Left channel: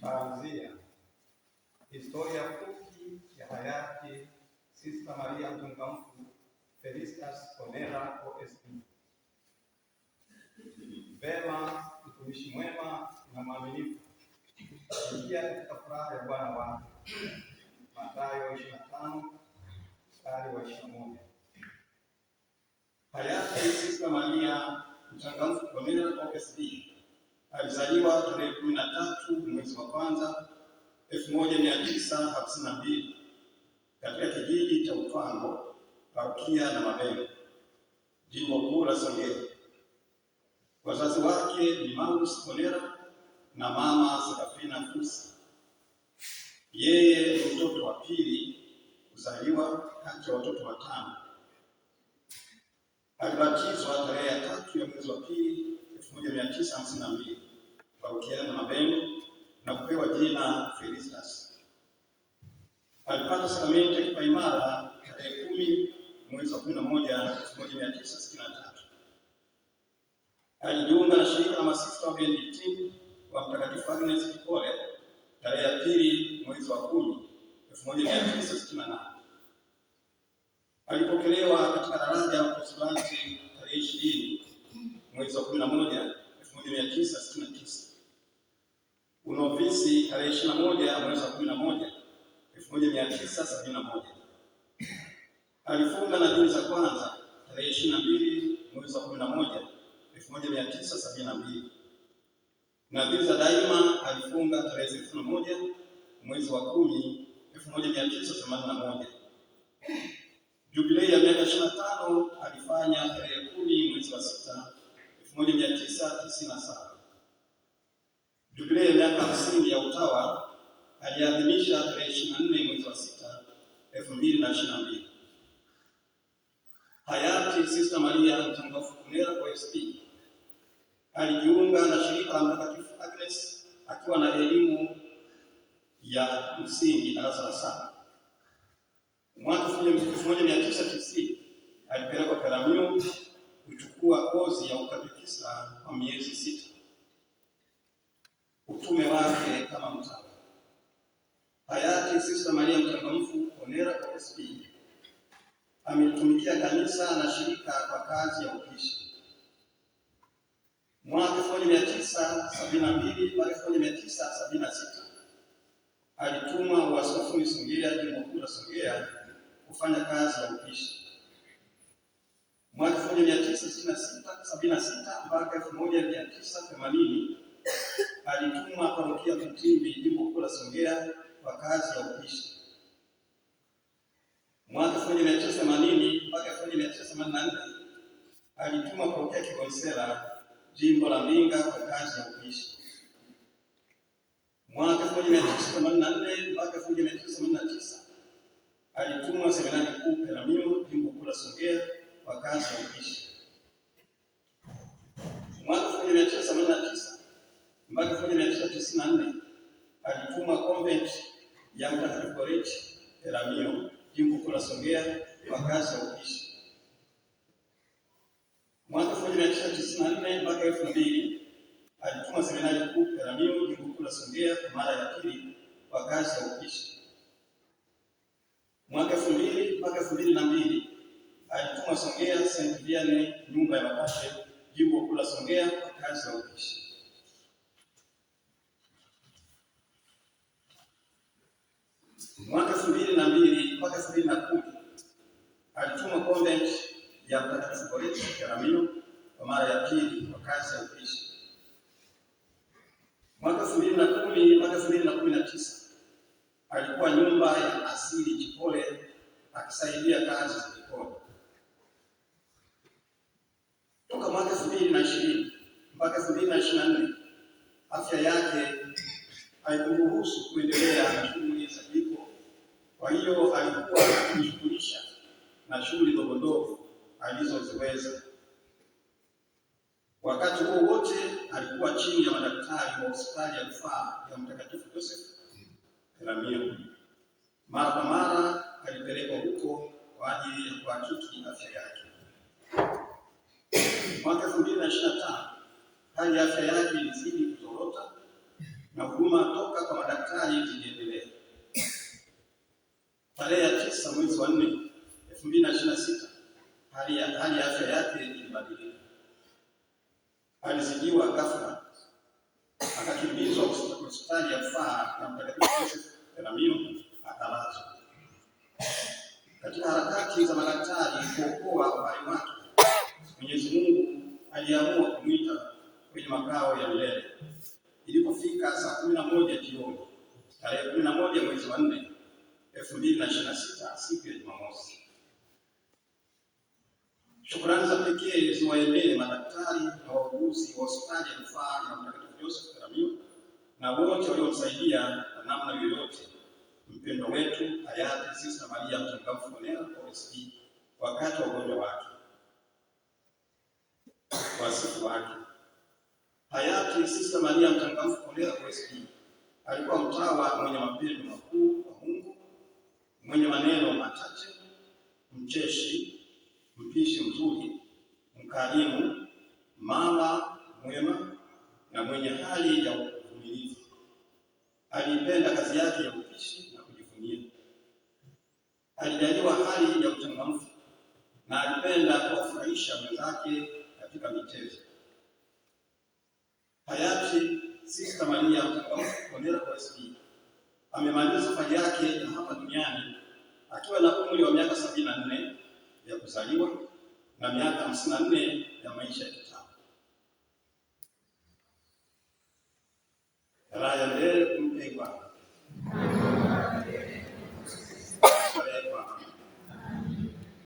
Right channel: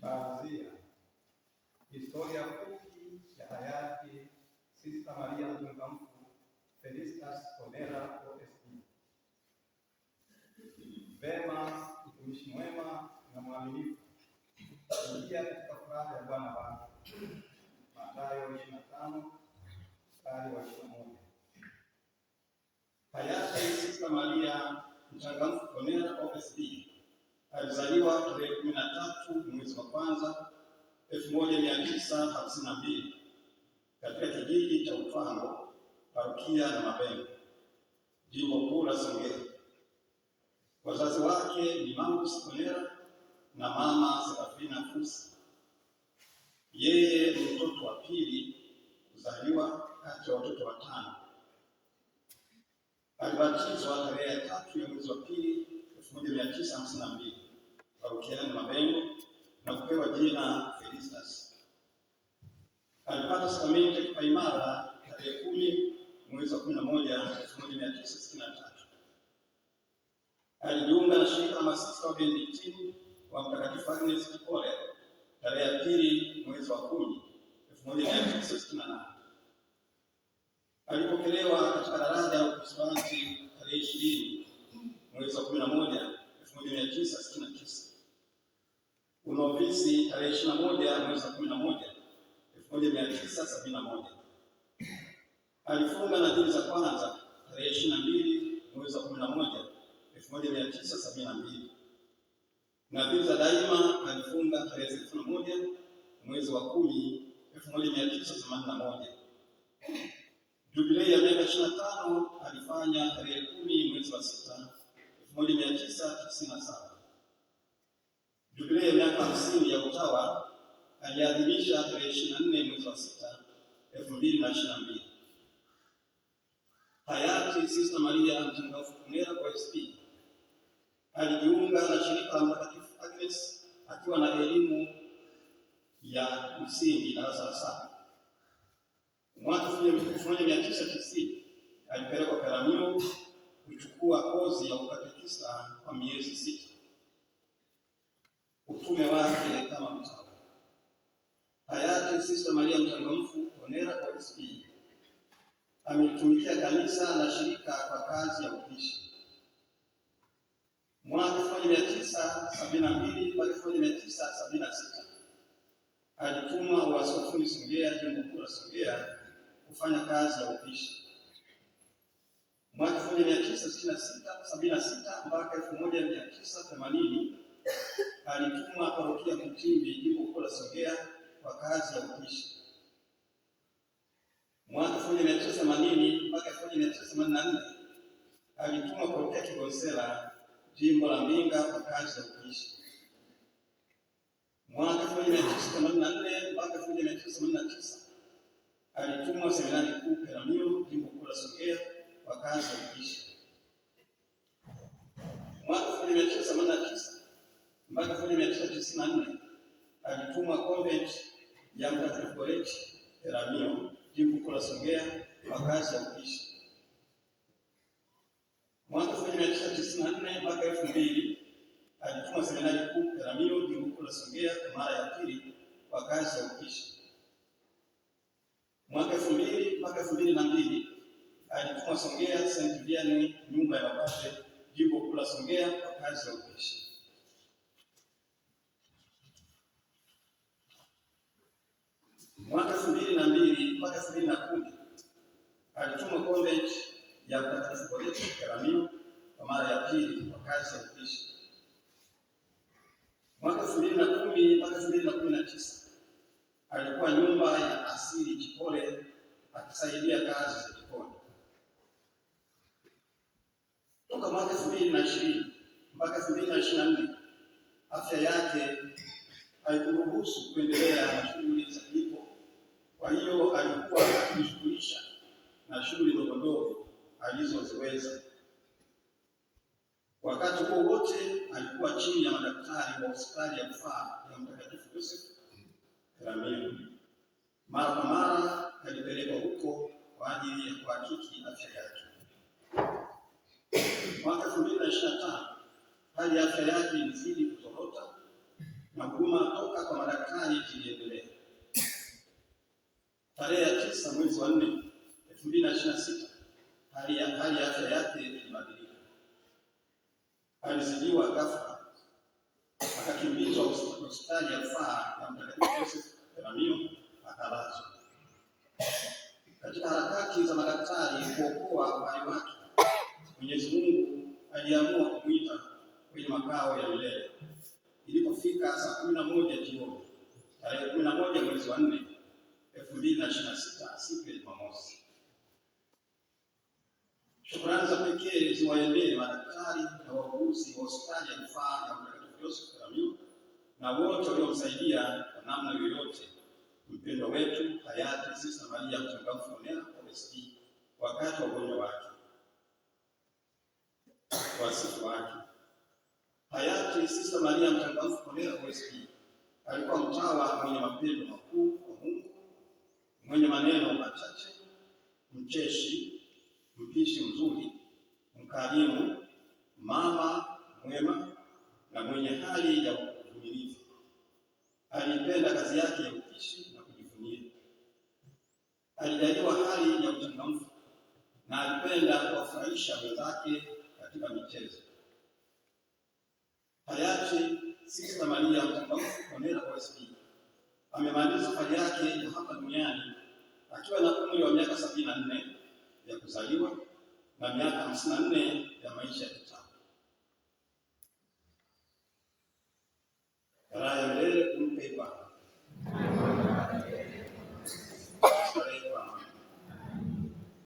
Taazia. Historia fupi ya hayati Sista Maria Mchangamfu Felicitas Konera OSB. Vema, mtumishi mwema na mwaminifu, ingia katika furaha ya Bwana wako. Mathayo 25 mstari wa 21. Hayati Sista Maria Mchangamfu Konera OSB alizaliwa tarehe 13 mwezi wa kwanza 1952 katika kijiji cha Utwango, parokia na Mabengo, jimbo kuu la Songea. Wazazi wake ni Maurus Konera na mama Serafina Fusi. Yeye ni mtoto wa pili kuzaliwa kati ya watoto watano. Alibatizwa tarehe 3 ya mwezi wa pili 1952 parokia na Mabengo na kupewa jina Felicitas. Alipata sakramenti ya kipaimara tarehe 10 mwezi wa 11 1963. Alijiunga na shirika la masista wa Benediktini wa Mtakatifu Agnes Kipole tarehe 2 mwezi wa 10 1968. Alipokelewa katika daraja la Ukrismasi tarehe 20 mwezi wa 11 1969. Unovisi tarehe 21 mwezi wa 11 1971. Alifunga nadhiri za kwanza tarehe 22 mwezi wa 11 1972. Nadhiri za daima alifunga tarehe 31 mwezi wa 10 1981. Jubilei ya miaka 25 alifanya tarehe 10 mwezi wa 6 1997. Jubilei ya miaka 50 ya utawa aliadhimisha tarehe 24 mwezi wa 6 2022. Hayati Sista Maria Mchangamfu Konera OSB alijiunga na shirika la Mtakatifu Agnes akiwa na elimu ya msingi darasa la 7. Mwaka 1990 alipelekwa Peramiho kuchukua kozi ya ukatekista kwa miezi 6. Utume wake kama mtawa. Hayati Sista Maria Mchangamfu Konera OSB ametumikia kanisa na shirika kwa kazi ya upishi. Mwaka 1972 mpaka 1976 alitumwa uaskofuni Songea, jimbo kuu la Songea, kufanya kazi ya upishi. Mwaka 1976 mpaka 1980 alitumwa parokia Kutimbi, jimbo kuu la Songea, kwa kazi ya upishi. Mwaka 1980 mpaka 1984 alitumwa parokia Kigonsera, jimbo la Mbinga, kwa kazi ya upishi. Mwaka 1984 mpaka 1989 alitumwa seminari kuu Peramiho, jimbo kuu la Songea, kwa kazi ya upishi. Mwaka 1989 mpaka 1994 alitumwa convent ya Mtakatifu Goreti Peramiho, jimbo kuu la Songea, kwa kazi ya upishi. Mwaka 1994 mpaka 2000 alitumwa seminari kuu Peramiho, jimbo kuu la Songea, kwa mara ya pili kwa kazi ya upishi. Mwaka 2000 mpaka 2002 alitumwa Songea St. Vianney, nyumba ya mapadre, jimbo kuu la Songea, kwa kazi ya upishi. Mwaka 2002 mpaka 2010 alitumwa convent ya Mtakatifu Goreti Peramiho kwa mara ya pili kwa kazi ya upishi. Mwaka 2010 mpaka 2019 alikuwa nyumba ya asili Chipole akisaidia kazi za jikoni. Toka mwaka 2020 mpaka 2024 afya yake haikuruhusu kuendelea na shughuli za jiko. Kwa hiyo alikuwa akijishughulisha na shughuli ndogo ndogo alizoziweza. Wakati huo wote alikuwa chini ya madaktari wa hospitali ya rufaa ya Mtakatifu Joseph Peramiho. Mara kwa mara alipelekwa huko kwa ajili ya kuhakiki afya yake. Mwaka 2025 hali ya afya yake ilizidi kuzorota na huduma toka kwa madaktari ziliendelea. Tarehe ya 9 mwezi wa 4 2026 hali ya afya yake ilibadilika. Alizidiwa ghafla, akakimbizwa hospitali ya rufaa ya Mtakatifu Joseph Peramiho, akalazwa. Katika harakati za madaktari kuokoa uhai wake, Mwenyezi Mungu aliamua kumwita kwenye makao ya milele. Ilipofika saa 11 jioni tarehe 11 mwezi wa 4 2026, siku ya Jumamosi, shukrani za pekee ziwaendee madaktari na wauguzi wa hospitali ya rufaa ya Mtakatifu Joseph Peramiho na wote waliomsaidia kwa namna yoyote mpendwa wetu hayati Sister Maria Mchangamfu Monera OSP wakati wa ugonjwa wake. Wasifu wake. Hayati Sister Maria Mchangamfu Monera OSP alikuwa mtawa mwenye mapendo makuu kwa Mungu, mwenye maneno machache, mcheshi, mpishi mzuri, mkarimu, mama mwema na mwenye hali ya uvumilivu. Alipenda kazi yake ya upishi na kujivunia. Alijaliwa hali ya uchangamfu na alipenda kuwafurahisha wenzake katika michezo. Hayati Sister Maria Mchangamfu Monera OSP amemaliza safari yake ya hapa duniani akiwa na umri wa miaka 74 ya kuzaliwa na miaka 54 ya maisha ya kitambo. Raha ya milele